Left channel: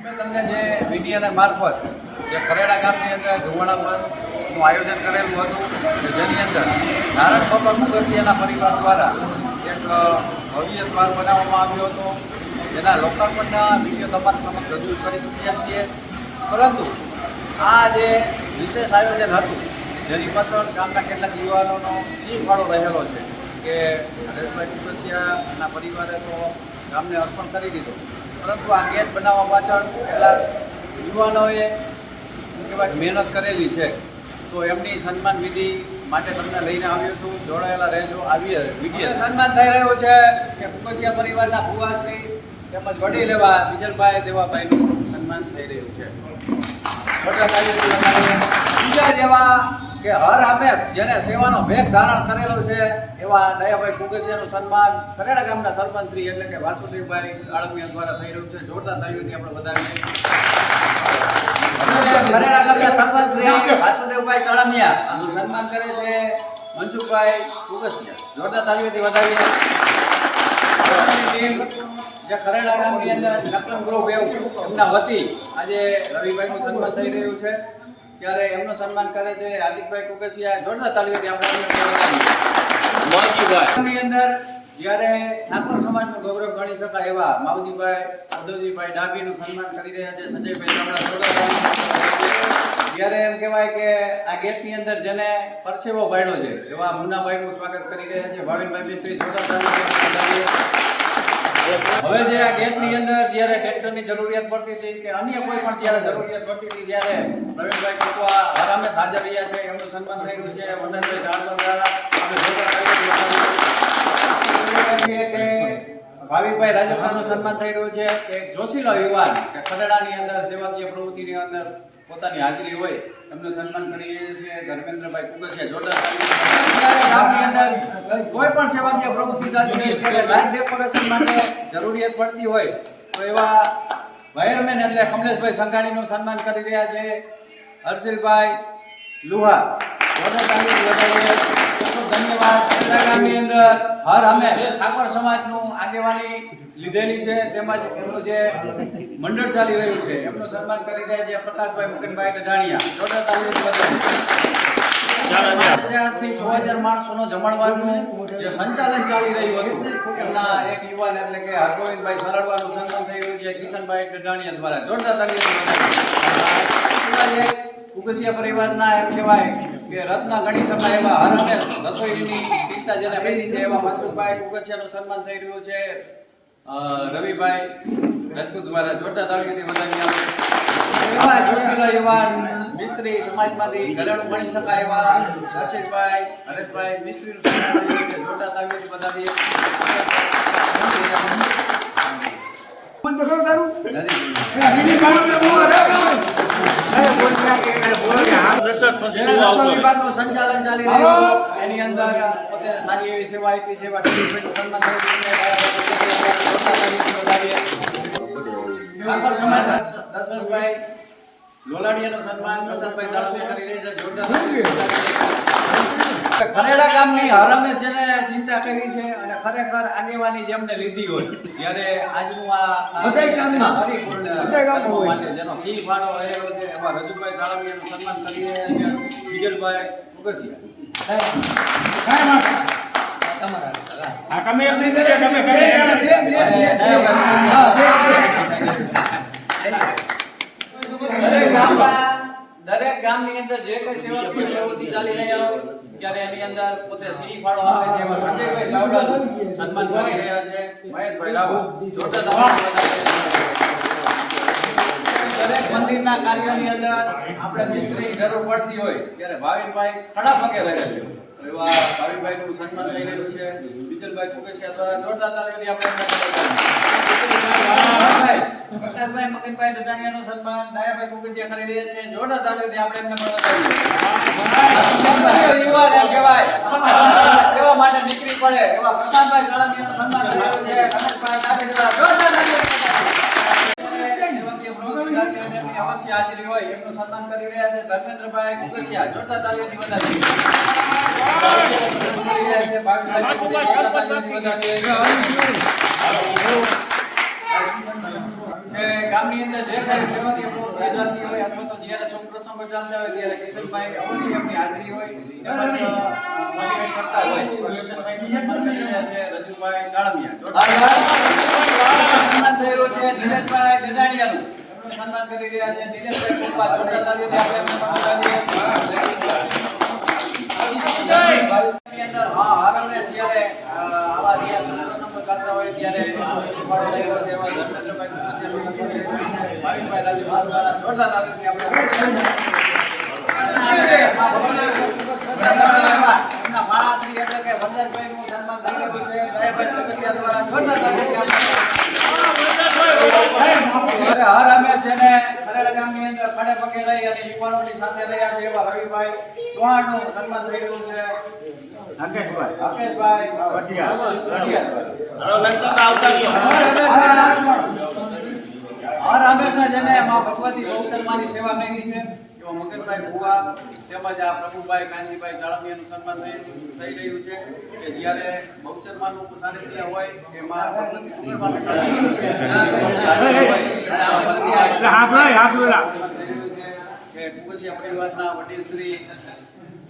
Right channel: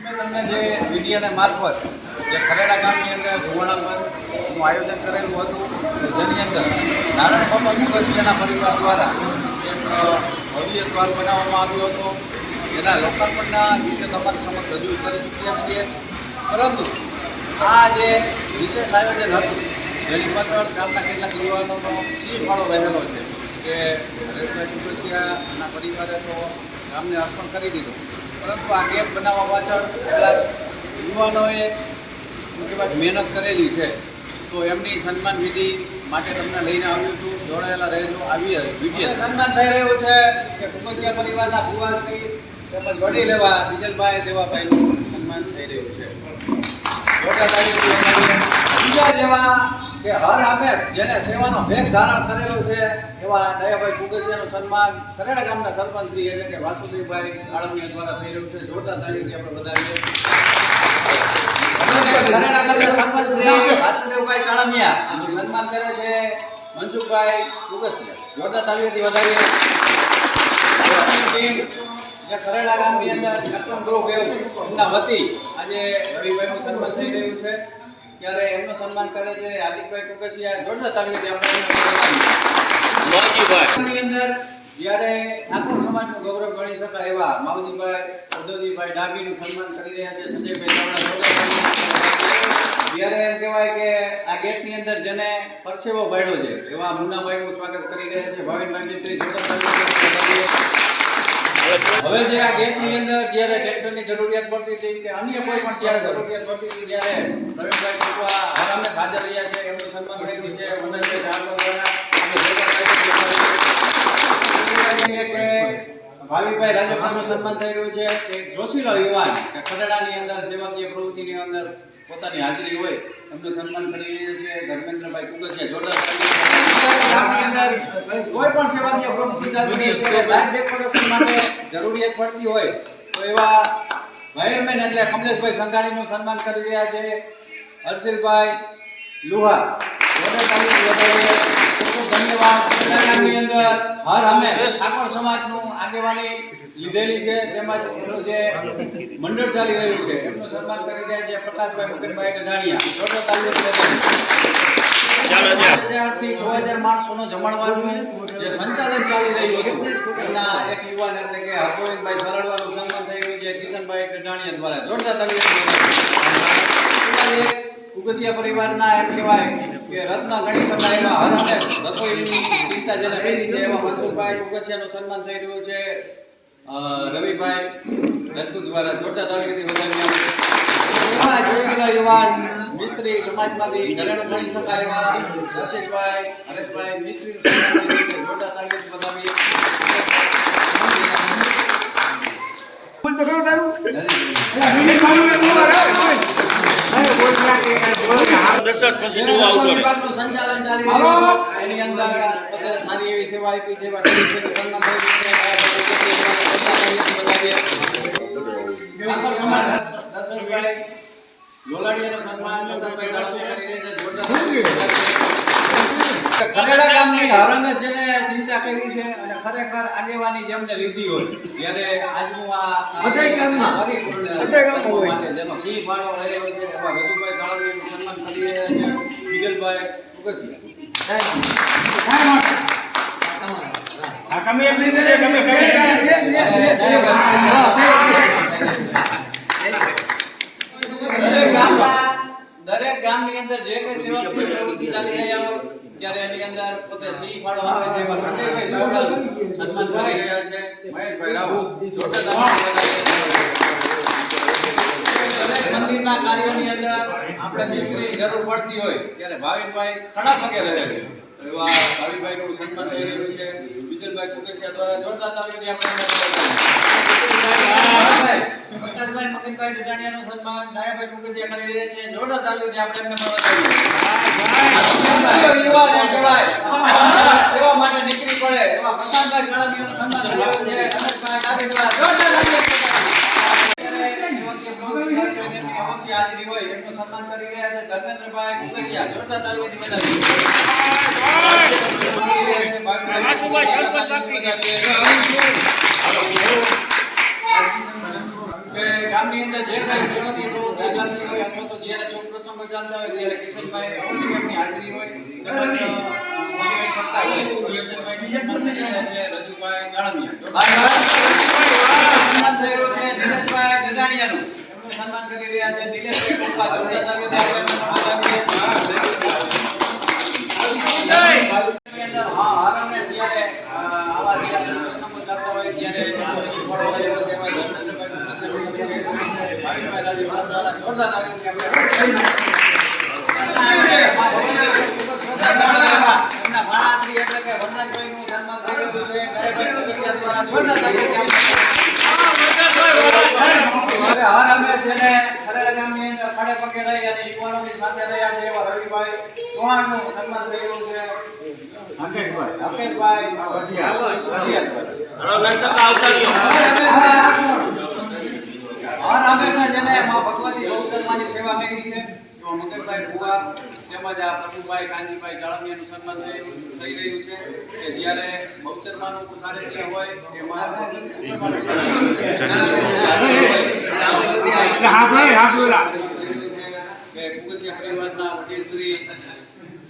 અમે તમને જે મીડિયાના મારફત જે ખરેડા ગામની અંદર ધુવાણા બંધનું આયોજન કરેલું હતું જેની અંદર નારાયણ બાપા મુખર્જીના પરિવાર દ્વારા એક ભવ્ય દ્વાર બનાવવામાં આવ્યો હતો. જેના લોકાર્પણના વીડિયો તમારી સમક્ષ રજૂ કરી ચૂક્યા છીએ. પરંતુ આ જે વિશેષ આયોજન હતું, જેની પાછળ ગામના કેટલાક યુવાનોનો સી ફાળો રહેલો છે, કે હરેશભાઈ કુકસિયાના પરિવારે તો ગામને અર્પણ કરી દીધું. પરંતુ આ ગેમ બનાવવા પાછળ પહેલાં યુવાનોએ કહેવાય, મહેનત કરેલી છે. તો એમની સન્માન વિધિ માટે તમને લઈને આવ્યું છું. જોડાયેલા રહેજો. આવી વીડિયો. સન્માન થઈ રહ્યું છે કે કુકસિયા પરિવારના ભુવાશ્રી તેમજ વડીલ એવા વિજલભાઈ, દેવાભાઈનું સન્માન થઈ રહ્યું છે. બીજા જેવા કે હર હંમેશ જેને સેવાનો ભેગ ધારણ કરેલો છે, એવા દયાભાઈ કુગેસિયાનું સન્માન કરેડા ગામના સરપંચ શ્રી એટલે કે વાસુદેવભાઈ આળમિયા દ્વારા થઈ રહ્યું છે. જોરદાર તાલીઓથી આપણે વધાવીએ કરેડા ગામના સરપંચ શ્રી વાસુદેવભાઈ ચાળમિયા નું સન્માન કરે છે મનસુખભાઈ કુગેસિયા જોરદાર તાલીઓથી વધાવીએ જે ખરેડા ગામની અંદર નકલમ ગ્રુપ એવું એમના વતી આજે રવિભાઈનું સન્માન થઈ રહ્યું છે. ત્યારે એમનું સન્માન કરે છે હાર્દિકભાઈ કુકસિયા જોરદાર તાલીઓથી આપણે અંદર જ્યારે આખો સમાજનું ગૌરવ ગણી શકાય એવા માવજીભાઈ અદોજીભાઈ ડાભીનું સન્માન કરી રહ્યા છે સંજયભાઈ જ્યારે એમ કહેવાય કે આ ગેટની અંદર જેને પરસેવો ભાડ્યો છે એવા મુન્નાભાઈનું સ્વાગત કરી રહ્યા છે. ભાવિનભાઈ મિસ્ત્રી જોરદાર. હવે જે આ ગેટની અંદર જ્યારે ટ્રેક્ટરની જરૂરિયાત પડતી હતી કે અન્ય કોઈ પણ જ્યારે જરૂરિયાત પડતી હતી ત્યારે પ્રવીણભાઈ કુકવા આરામે હાજર રહ્યા છે, એમનું સન્માન થયેલું છે વનરભાઈ જાણવા દ્વારા ભાવિકભાઈ રાજપરાનું સન્માન થઈ રહ્યું છે. એક જોશીલો યુવાન કે ખરડાની અંદર, સેવાકીય પ્રવૃત્તિની અંદર પોતાની હાજરી હોય, એમનું સન્માન કરી રહ્યા છે. ધર્મેન્દ્રભાઈ કુકસિયા જોરદાર અંદર કોઈ પણ સેવાકીય પ્રવૃત્તિ હોય ત્યારે લાઈફ ડેકોરેશન માટે જરૂરિયાત પડતી હોય, તો એવા વાયરમેન એટલે કમલેશભાઈ સંઘાણીનું સન્માન કરી રહ્યા છે. હર્ષિલભાઈ લુહા ધન્યવાદ. ગામની અંદર હર અમે ઠાકોર સમાજનું આગેવાની લીધેલી છે, તેમજ એમનું જે મંડળ ચાલી રહ્યું છે, એમનું સન્માન કરી રહ્યા છે પ્રકાશભાઈ મુકનભાઈ કઢાણિયા જોરદાર તાલીમ વધાવીએ. પાંચ હજારથી છ હજાર માણસોનો ચાલી રહ્યું એટલે કે હરગોવિંદભાઈ સરળવાનું સન્માન થઈ છે, કિશનભાઈ કઢાણિયા દ્વારા, જોરદાર તાલીમ પરિવારના એમ કહેવાય કે રત્ન ગણી શકાય એવા હર હંમેશ રસોઈની ચિંતા જેને કુકસિયાનું સન્માન થઈ છે. રવિભાઈ રાજપૂત દ્વારા જોરદાર તાળીઓથી વધાવી એવા મિસ્ત્રી સમાજમાંથી ઘરેણું શકાય એવા દર્શિતભાઈ હરેશભાઈ જોરદાર સંચાલન ચાલી રહ્યું એની અંદર પોતે સારી એવી સેવા આપી છે સન્માન છે. દર્શનભાઈ લોલાડિયાનું સન્માન દાળમિયા કરી છે જોરદાર ખરેડા ગામની હરામે જેને ચિંતા કરી છે અને ખરેખર આગેવાની જેમને લીધી હોય ત્યારે આજનું આ બધાય ગામના. પરિપૂર્ણ બધાય ગામના હોય. માટે જેનો સિંહ ફાળો રહેલો છે એવા રજુભાઈ દાળમિયાનું સન્માન કરી રહ્યા છે વિજલભાઈ કુકસિયા દરેક ગામના દરેક ગામની અંદર જે કઈ સેવા પ્રવૃત્તિ ચાલી રહ્યા હોય, ત્યારે એની અંદર પોતે સિંહ ફાળો આવે તેવા સંજયભાઈ ચાવડા સન્માન કરી રહ્યા છે મહેશભાઈ રાહુલ જોરદાર. દરેક મંદિરના કાર્યોની અંદર આપણે મિસ્ત્રીની જરૂર પડતી હોય ત્યારે ભાવિનભાઈ ખડા પગે રહે છે. એવા ભાવિભાઈનું સન્માન થઈ રહ્યું છે. બીજલભાઈ કુકેશિયા દ્વારા જોરદાર તાળીઓથી આપણે. પ્રકાશભાઈ મગનભાઈ ડઢાણિયાનું સન્માન, દયાભાઈ કુકેશિયા કરી રહ્યા છે. જોરદાર તાળીઓથી આપણે એમને મળવા માટે નીકળી પડે એવા પ્રશાંતભાઈ ગળામીનું સન્માન થયું છે. ગણેશભાઈ ડાભી દ્વારા જોરદાર હોય અવશ્ય હોય ત્યારે કિશનભાઈ અવશ્ય એમની હાજરી હોય. રજુભાઈ જાળમિયા સન્માન થઈ રહ્યું છે નીરજભાઈ એમનું સન્માન કરી રહ્યા છે નિલેશભાઈ કુંભા જોરદાર તાળીઓથી આપણે. ની એટલે કે વરદાનભાઈનું સન્માન થઈ દ્વારા જોરદાર અરે હર અમે છે ને ખરેડા ગામની અંદર ખડે પગે રહી અને યુવાનોની સાથે રહ્યા છે એવા રવિભાઈ ચૌહાણનું સન્માન છે. વઢિયારભાઈ. હર હંમેશા હર. હંમેશા જેને માં ભગવતી બહુચરમાની સેવા કરી છે. એવા મગનભાઈ ભુવા તેમજ આ પ્રભુભાઈ કાનજીભાઈ જાળમિયાનું સન્માન થઈ રહ્યું છે કે જ્યારે બહુચરમાનું સાનિધ્ય હોય એ માં ભગવતી કે કુંગસિયા પરિવારના વડીલ શ્રી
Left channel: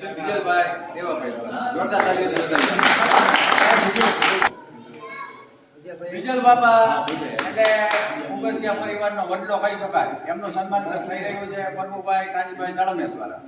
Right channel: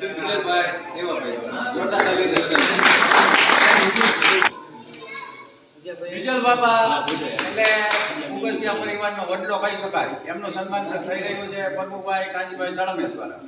વિજયભાઈ દેવાભાઈ જોરદાર. વિજલ બાપા. એટલે કુંગસિયા પરિવારનો વડલો કહી શકાય. એમનું સન્માન થઈ રહ્યું છે પ્રભુભાઈ કાજીભાઈ તળમિયા દ્વારા.